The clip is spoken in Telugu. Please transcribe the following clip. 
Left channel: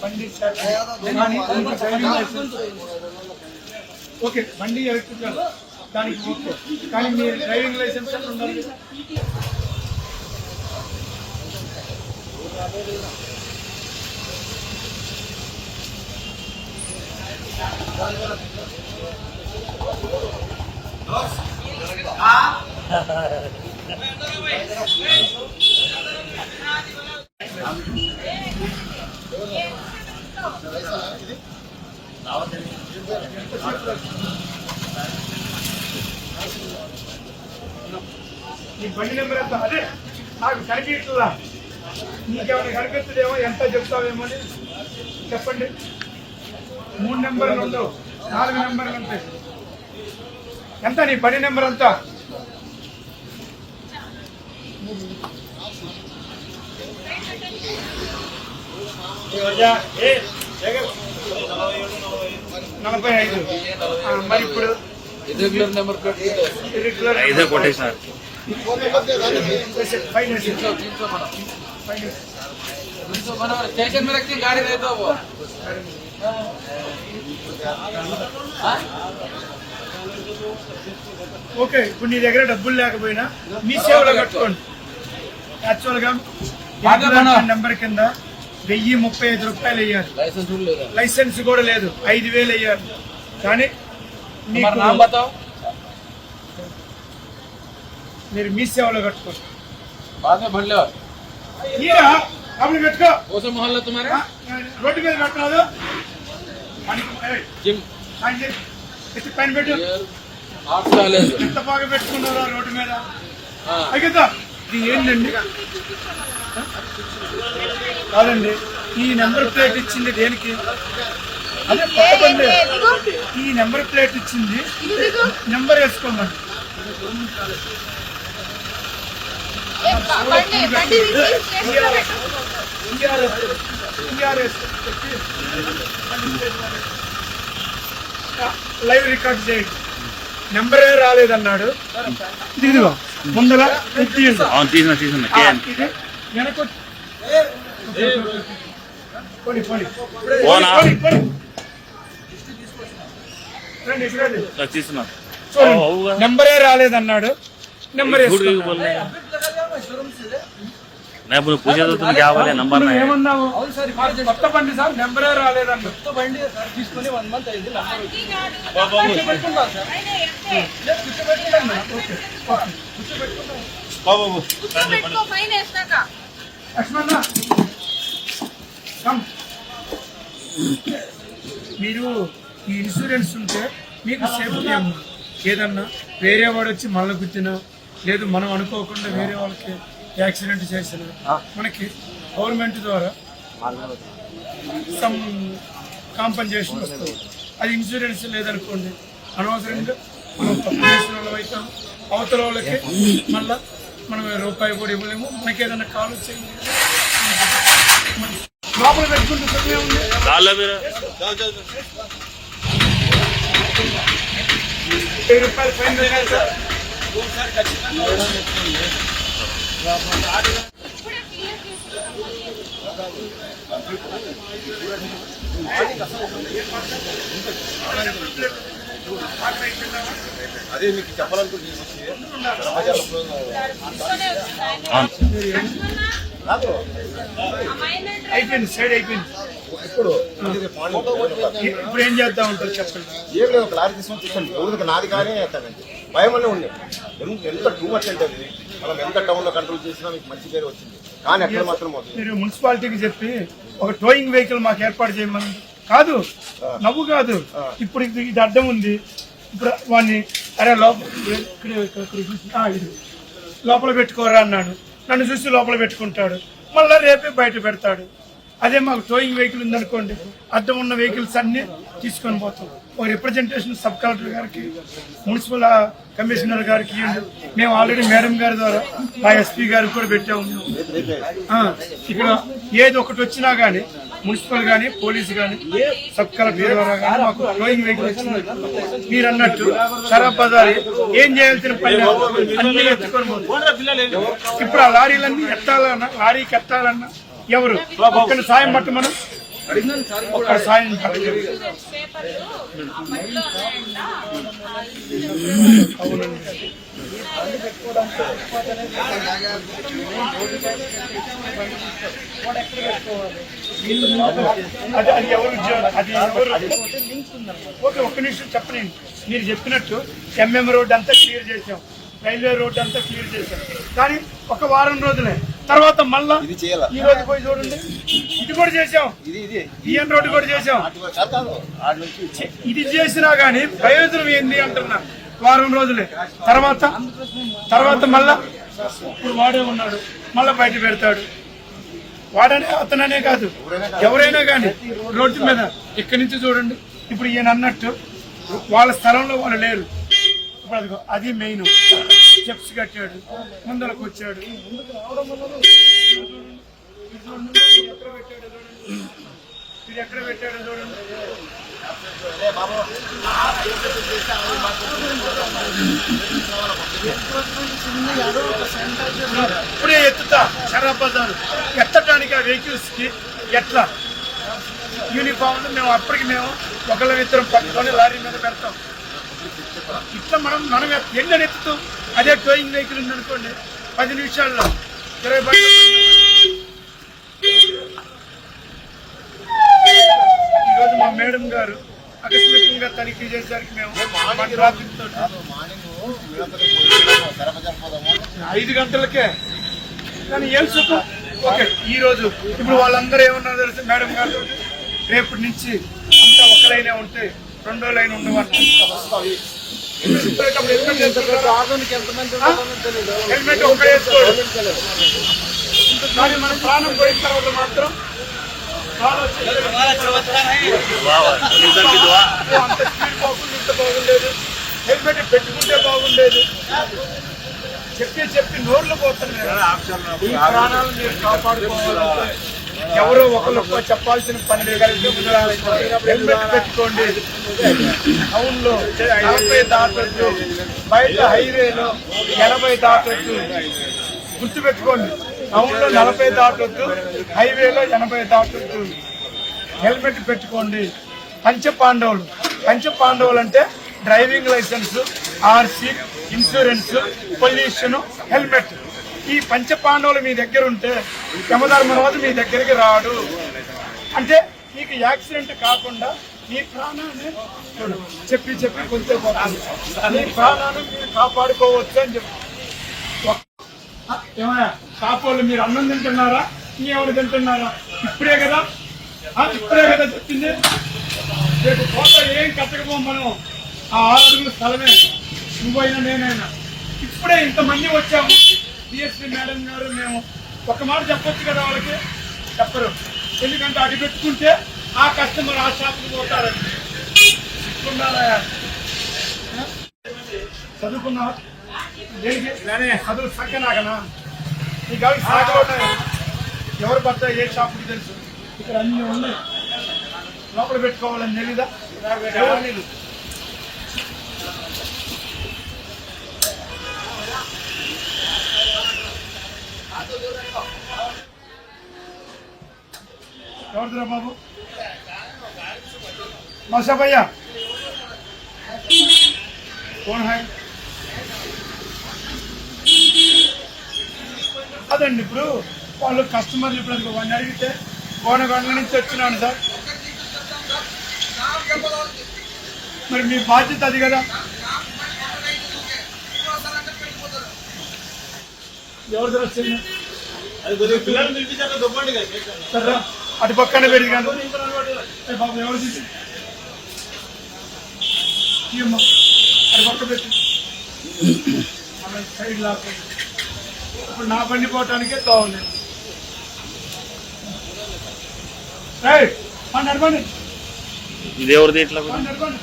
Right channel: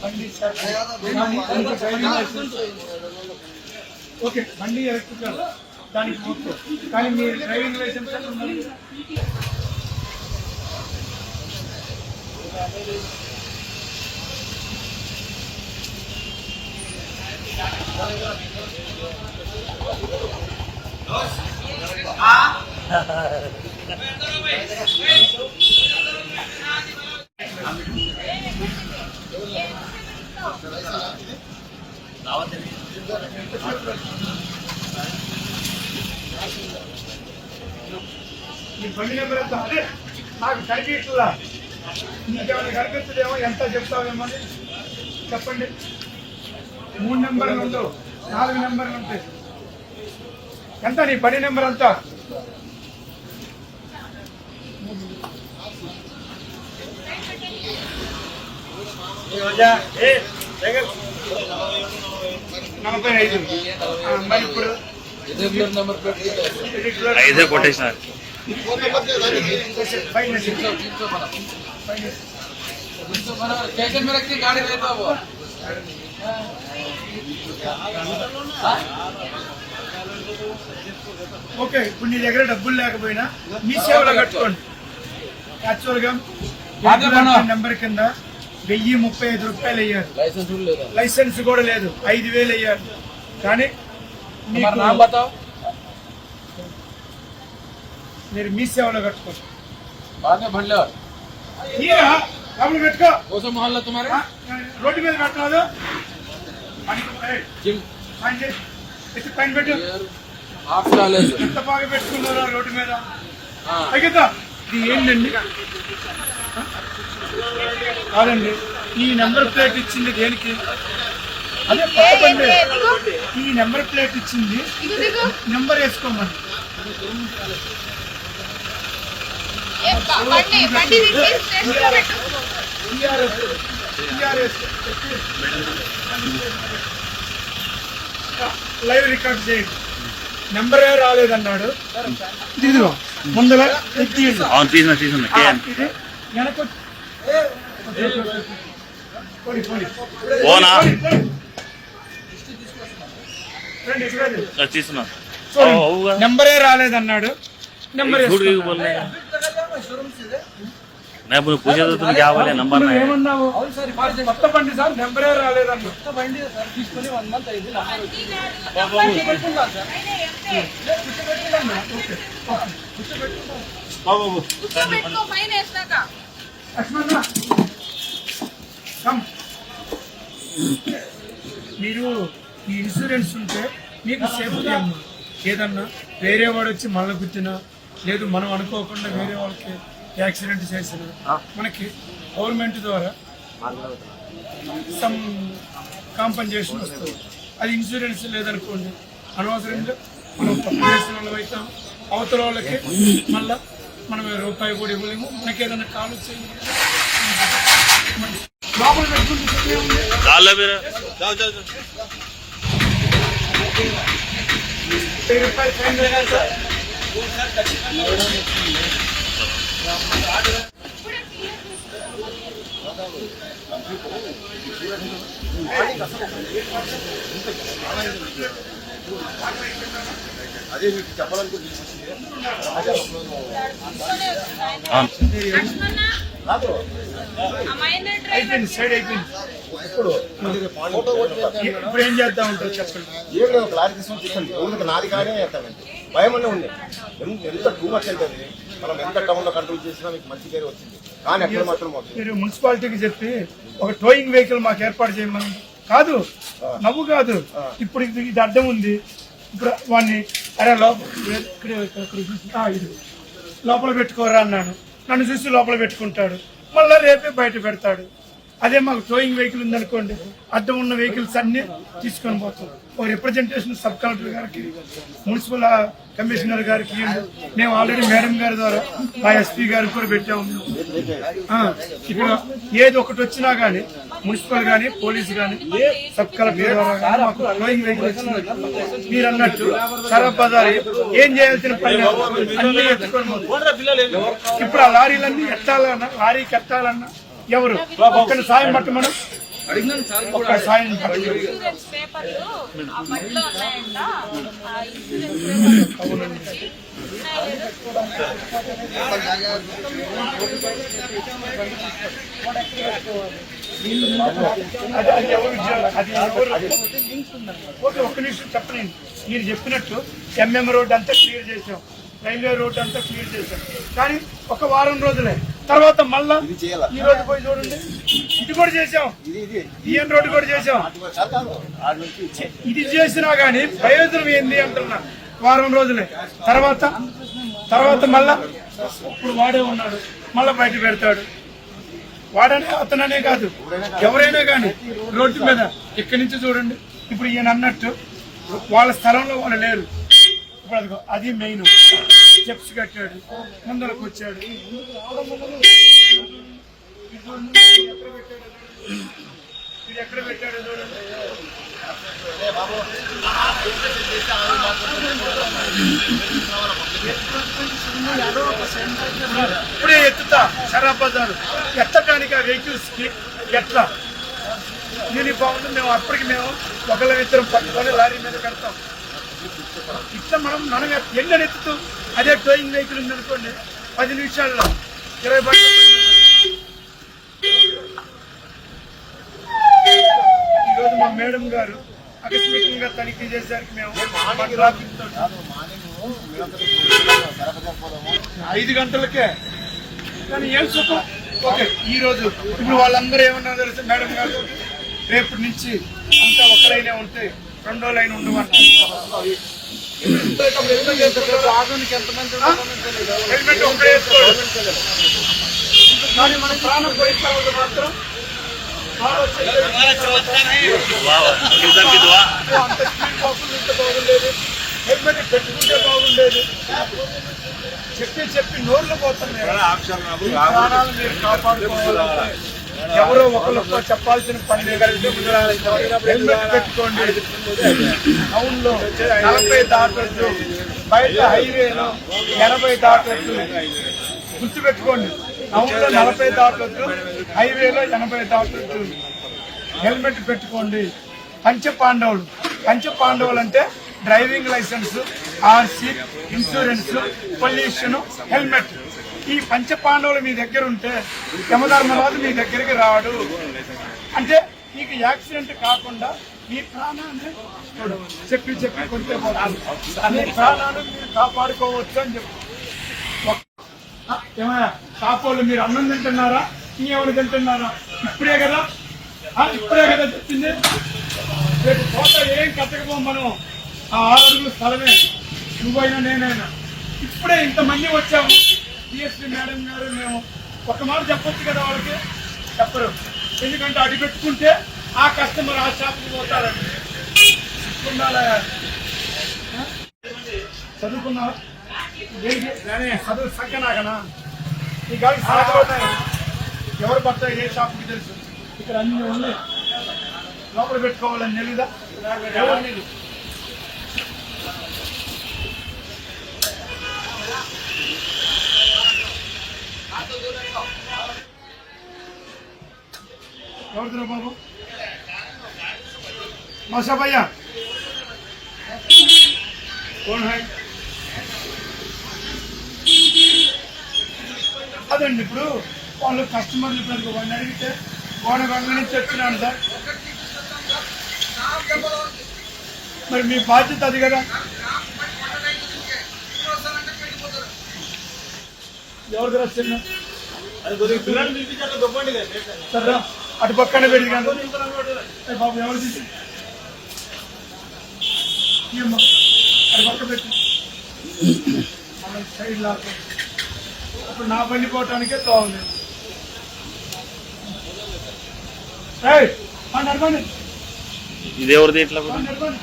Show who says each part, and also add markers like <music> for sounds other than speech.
Speaker 1: బండి సార్ కానీ దానికి డ్రైవింగ్ లైసెన్స్ ఓకే బండి ఎలక్ట్రికల్ దానికి ఓకే. కానీ మీ డ్రైవింగ్ లైసెన్స్ అని ఉండాలి మీ బండి నెంబర్ ఎంత అదే నాకు కనిపించలా నీకేమైనా కనిపిస్తుందేమో ఎంత చెప్తావేమో అని చెప్పండి మూడు నెంబర్లు ఉండవు నాలుగు నెంబర్లు ఉంటాయి. ఎంత నీ బండి నెంబర్ ఎంత ఐదు
Speaker 2: కొట్టేసిన
Speaker 3: స్టేషన్ మీద గాడి
Speaker 1: ఓకే ఇప్పుడు నీ దగ్గర డబ్బులు లేకపోయినా మీ సేవలో కట్టుకోండి. యాక్చువల్గా
Speaker 3: బాగా మన-
Speaker 1: నెంబర్ కింద వెయ్యి ముప్పై ఐదు రూపాయలు అయ్యారు. లైసెన్స్ కూడా లేదు? ఐదు వేలు అయ్యారు. కానీ మీరు మీ సేవలో
Speaker 3: కట్టుకోవచ్చు
Speaker 1: బాగా
Speaker 3: బండ్లు
Speaker 1: రోడ్డు మీద పెట్టరాదు. పైన పెట్టు. ఎంత బాగా రోడ్డు మీద. అయితే ఏంటండి? కాదండి ఈ నెంబర్ ప్లేట్ ఇచ్చింది దేనికి? అదే కొత్త బండి. ఈ నెంబర్ ప్లేట్ ఇచ్చింది నెంబర్ వేసుకోమని. లైవ్ రికార్డ్ చేయండి. నెంబరే రాలేదన్నాడు. ఇదిగో ముందర
Speaker 2: తీసిన
Speaker 1: నెంబరే రాలేదన్నాడు. నెంబర్
Speaker 2: ఇప్పుడు పూజ
Speaker 1: చదువుతుంది
Speaker 2: కావాలి నంబర్
Speaker 1: ఏమన్నావు? బండి
Speaker 3: తీసుకుని వన్ మంత్
Speaker 1: మీరు ఈ ఇన్సూరెన్స్ ఉంటే మీకు సేఫ్టీ అమ్మా. ఏదన్నా వేరే వాడు వచ్చి మళ్ళీ గుద్దినా లేదు మనం అనుకోకుండా వేరే వాళ్ళకి యాక్సిడెంట్ చేసినా మనకి గవర్నమెంట్ ద్వారా సమ్ కాంపన్సేషన్ వస్తుంది. అది ఇన్సూరెన్స్ లేదనుకోండి అనవసరంగా మనం తప్పు చేసిన వాళ్ళం అవుతాం. అవతల వాళ్ళకి మళ్ళా మనం రూపాయి కూడా ఇవ్వలేము. మనకి ఏదైనా కాల్ వచ్చేది లోపల పెట్టుకుంటే తప్పే
Speaker 4: అదే మీకు చెప్పాలనుకుంటున్నాను.
Speaker 1: అయిపోయింది సైడ్ అయిపోయింది.
Speaker 5: ఇప్పుడు
Speaker 1: ఇప్పుడు ఏం చేద్దాం ఉంటారు చెప్పండి.
Speaker 5: ఏం లేదు ఒక లారీ తీసుకొని ఎవరికి నాది కానీ అతనండి భయం అనే ఉండే. ఎంత టూ మచ్ అంటే మనం ఎంత టౌన్లో కంట్రోల్ చేసినా మీకు మంచి పేరు వచ్చింది. కానీ అక్కడ మాత్రం
Speaker 1: మీరు మున్సిపాలిటీకి చెప్పి ఒక టోయింగ్ వెహికల్ మాకు ఏర్పాటు చేయమని కాదు నవ్వు కాదు. ఇప్పుడు ఇది అడ్డం ఉంది. ఇప్పుడు వాడిని అరే లోపల ఇది. లోపల పెట్టుకోరా అన్నాను. నన్ను చూసి లోపల పెట్టుకుంటాడు. మళ్ళా రేపే బయట పెడతాడు. అదే మాకు టోయింగ్ వెహికల్ ఉందనుకోండి అడ్డం ఉన్న వెహికల్స్ అన్ని తీసుకొని పోతాం. ఒక రిప్రజెంటేషన్ సబ్ కలెక్టర్ గారికి మున్సిపల్ కమిషనర్ గారికి. మేము ఆల్రెడీ మేడం గారి ద్వారా మా ఎస్పీ గారికి కూడా పెట్టాము. ఇక్కడ ఏది ఒకటి వచ్చినా గానీ మున్సిపల్ గానీ పోలీస్ గానీ సబ్ కలెక్టర్ ద్వారా గానీ మాకు ఫ్లోయింగ్ వెహికల్ వచ్చింది. మీరు అన్నట్టు ఖరాబ్ బజార్ ఏం చేయాల్సిన పని అన్ని ఎత్తుకొని ఇప్పుడు ఆ లారీలన్నీ ఎత్తాలన్నా లారీకి ఎత్తాలన్నా ఎవరు? ఒక్కరి సాయం పట్టు మనం ఒక్క సాయం పట్టలేదు. అది అది ఎవరు ఉద్యోగం అది ఎవరు? ఓకే ఒక్క నిమిషం చెప్పనండి మీరు చెప్పినట్టు ఎంఎం రోడ్ అంతా క్లియర్ చేసాం రైల్వే రోడ్ అంతా క్లియర్ చేశాం. కానీ ఒక వారం రోజులే. తర్వాత మళ్ళా? ఈ రోజు పోయి చూడండి. ఇది కూడా చేసాం
Speaker 5: ఇది ఇది.
Speaker 1: బిఎన్ రోడ్ కూడా చేసాం ఇది చేసినా గానీ ప్రయోజనం ఏంది అంటున్నా. వారం రోజులే. తర్వాత తర్వాత మళ్ళా ఇప్పుడు వాడే ఉన్నాడు. మళ్ళా బయట పెడతాడు. వాడనే అతననే కాదు. ఎవరైనా కానీ రోడ్డు మీద ఇక్కడి నుంచి చూడండి. ఇప్పుడు ఈయన అన్నట్టు వాళ్ళ స్థలంలో వాళ్ళు లేరు. ఇప్పుడు అదిగో అది మెయిన్ స్టెప్స్ కట్టాడు. ముందరకు వచ్చాడు. ఎక్కడ పెట్టాడు చూడండి. ఇప్పుడే ఎత్తుతా షరాబ్ బజారు. ఎత్తటానికి ఆ వెహికల్స్కి ఎట్లా? యూనిఫామ్ మేము అప్పటికి మేము ఒకళ్ళ ఇద్దరం పట్టుకొని లారీ మీద పెడతాం. ఇట్లా మనం మనం ఎండని ఎత్తుతాం అదే టోయింగ్ వెహికల్ ఉందనుకోండి పది నిమిషాల్లో ఇరవై బండ్లు ఈరోజు మా మేడం గారు ఆకస్మికంగా తనిఖీ చేసేసరికి మేము <laughs> ఐదు గంటలకే. కానీ ఏం సుఖం? ఓకే ఈ రోజు ఇప్పుడు వాళ్ళందరూ ఏమన్నా తెలుసు మేడం గారు? రేపటి నుంచి అంతా ఒక లైనే ఉంటే రెండో లైన్ ఉండవన్న హెల్మెట్ ఒకటే వేసుకోడు. కానీ మన ప్రాణం పోయిన తర్వాత మాత్రం అంత స్పీడ్ పోకుండా ఇంత బాగుండేది హెల్మెట్ పెట్టుకుంటే బాగుండేది చెప్పి చెప్పి నోర్లు పోతున్నారు ఈ ప్రాణాలు మీరు కాపాడుకోవాలంటే ఎవరో ఒకరు చెప్పాల్సిన పని హెల్మెట్ పెట్టుకోండి. టౌన్లో నలభై దాటట్లు బయట హైవేలో ఎనభై గుర్తు గుర్తుపెట్టుకోండి. టౌన్లో నలభై దాటొద్దు. హైవేలో ఎనభై దాటొద్దు. హెల్మెట్ పెట్టుకోండి. పంచ పాండవులు. పంచ పాండవులు అంటే driving licence RC insurance pollution helmet. ఈ పంచ పాండవులు మీ దగ్గర ఉంటే యమధర్మరాజు మీ దగ్గరికి రాడు. అంటే మీకు యాక్సిడెంట్ కాకుండా మీ ప్రాణాన్ని చెప్పి చెప్పి కొంచెం ప్రాణాన్ని మీరు కాపాడుకోవచ్చు అని చెప్పి. ఏమయ్యా కాపోళ్ళు మీరు అన్నం తింటున్నారా? నీ ఎవరు తింటున్నారా? ఇప్పుడే కదా? ఇప్పుడే కదా చెప్పింది? రేపు కోట ఏం కట్టకపోం మనం? ఆ ఆరు అడుగుల స్థలమే. నువ్వైనా నేనైనా. ఇప్పుడే ఇంతమంది వచ్చాము. డిఎస్పీ మేడం గారు మేము ఒక మాట చెప్పొచ్చు కదా వాళ్ళకి? చెప్పరు. ఎందుకంటే అడి పెట్టుకుంటే ఆ కస్టమర్ ఆ షాప్కి పోతారండి ఉండాలా చదువుకున్నావా? చదువు సంఖ్య నాకనా ఈ గల్ ఎవరు భర్త ఏ షాప్కి తెలుసు? ఇక్కడ అన్ని ఉన్నాయి. లోపల పెట్టుకోవాలని తెలీదా? ఎవరు తెలీదు ఎవరిదిరా బాబు? మసాబయ్యా భయ్యా. హై. అదండి ఇప్పుడు వాళ్ళు కస్టమర్లు ఇప్పుడు అదిగో వాడిని అడిగితే కోనగొండ నుంచి వచ్చినాను సార్. మరి మీ బాధ్యత అది కదా. ఎవరిది వచ్చింది? సరే అటు పక్కన పెరిగి బాబు ఎవరు తీసి? అటు పక్క పెట్టి. మళ్ళీ సైడ్ లాక్ ఇప్పుడు నా బండి పోవటానికే తోవలేదు పండి, నడపండి.
Speaker 2: ఇది ఎవరిది ఇట్లా కూడా
Speaker 1: మేడం గారు?